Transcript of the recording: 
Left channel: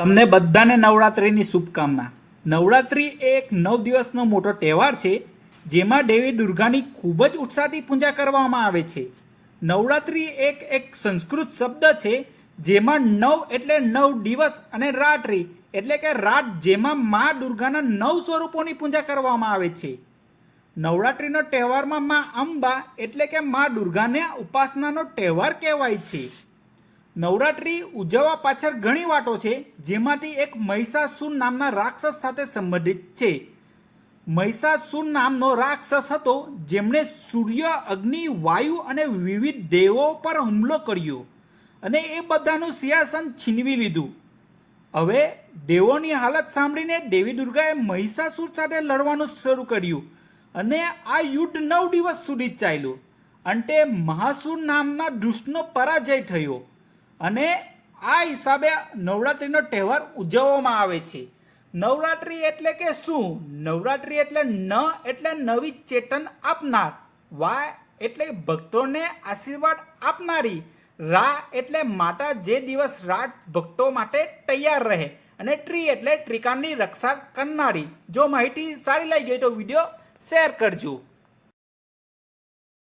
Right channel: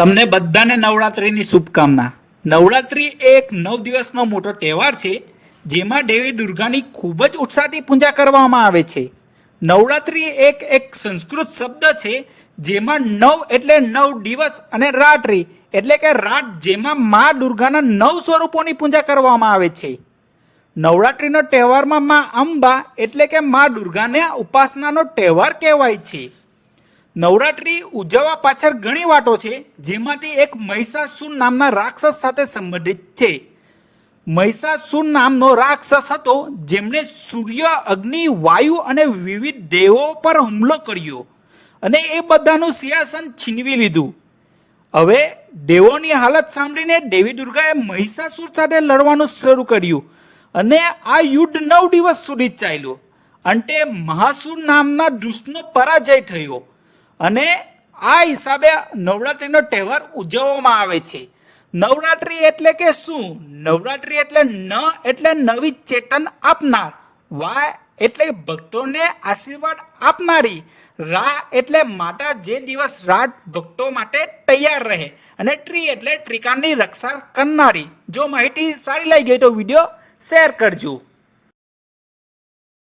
તમને બધાને નવરાત્રિની શુભકામના। નવરાત્રિ એ એક 9 દિવસનો મોટો તહેવાર છે જેમાં દેવી દુર્ગાની ખૂબ જ ઉત્સાહથી પૂજા કરવામાં આવે છે। નવરાત્રિ એક સંસ્કૃત શબ્દ છે જેમાં 9 એટલે 9 દિવસ અને રાત્રિ એટલે કે રાત જેમાં મા દુર્ગાના 9 સ્વરૂપોની પૂજા કરવામાં આવે છે। નવરાત્રિનો તહેવારમાં મા અંબા એટલે કે મા દુર્ગાને ઉપાસનાનો તહેવાર કહેવાય છે। નવરાત્રિ ઉજવવા પાછળ ઘણી વાતો છે જેમાંથી એક મહિષાસુર નામના રાક્ષસ સાથે સંબંધિત છે। મહિષાસુર નામનો રાક્ષસ હતો જેમણે સૂર્ય, અગ્નિ, વાયુ અને વિવિધ દેવો પર હુમલો કર્યો અને એ બધાનું સિંહાસન છીનવી લીધું। હવે દેવોની હાલત સાંભળીને દેવી દુર્ગાએ મહિષાસુર સાથે લડવાનું શરૂ કર્યું અને આ યુદ્ધ 9 દિવસ સુધી ચાલ્યું। અંતે મહાસુર નામના દુષ્ટનો પરાજય થયો અને આ હિસાબે નવરાત્રિનો તહેવાર ઉજવવામાં આવે છે। નવરાત્રિ એટલે કે શું? નવરાત્રિ એટલે ન એટલે નવી ચેતન આપનાર, વા એટલે ભક્તોને આશીર્વાદ આપનારી, રા એટલે માતા જે દિવસ રાત ભક્તો માટે તૈયાર રહે અને ટ્રી એટલે ત્રિકાળની રક્ષા કરનારી। જો માહિતી સારી લાગી ગઈ તો વિડીયો શેર કરજો।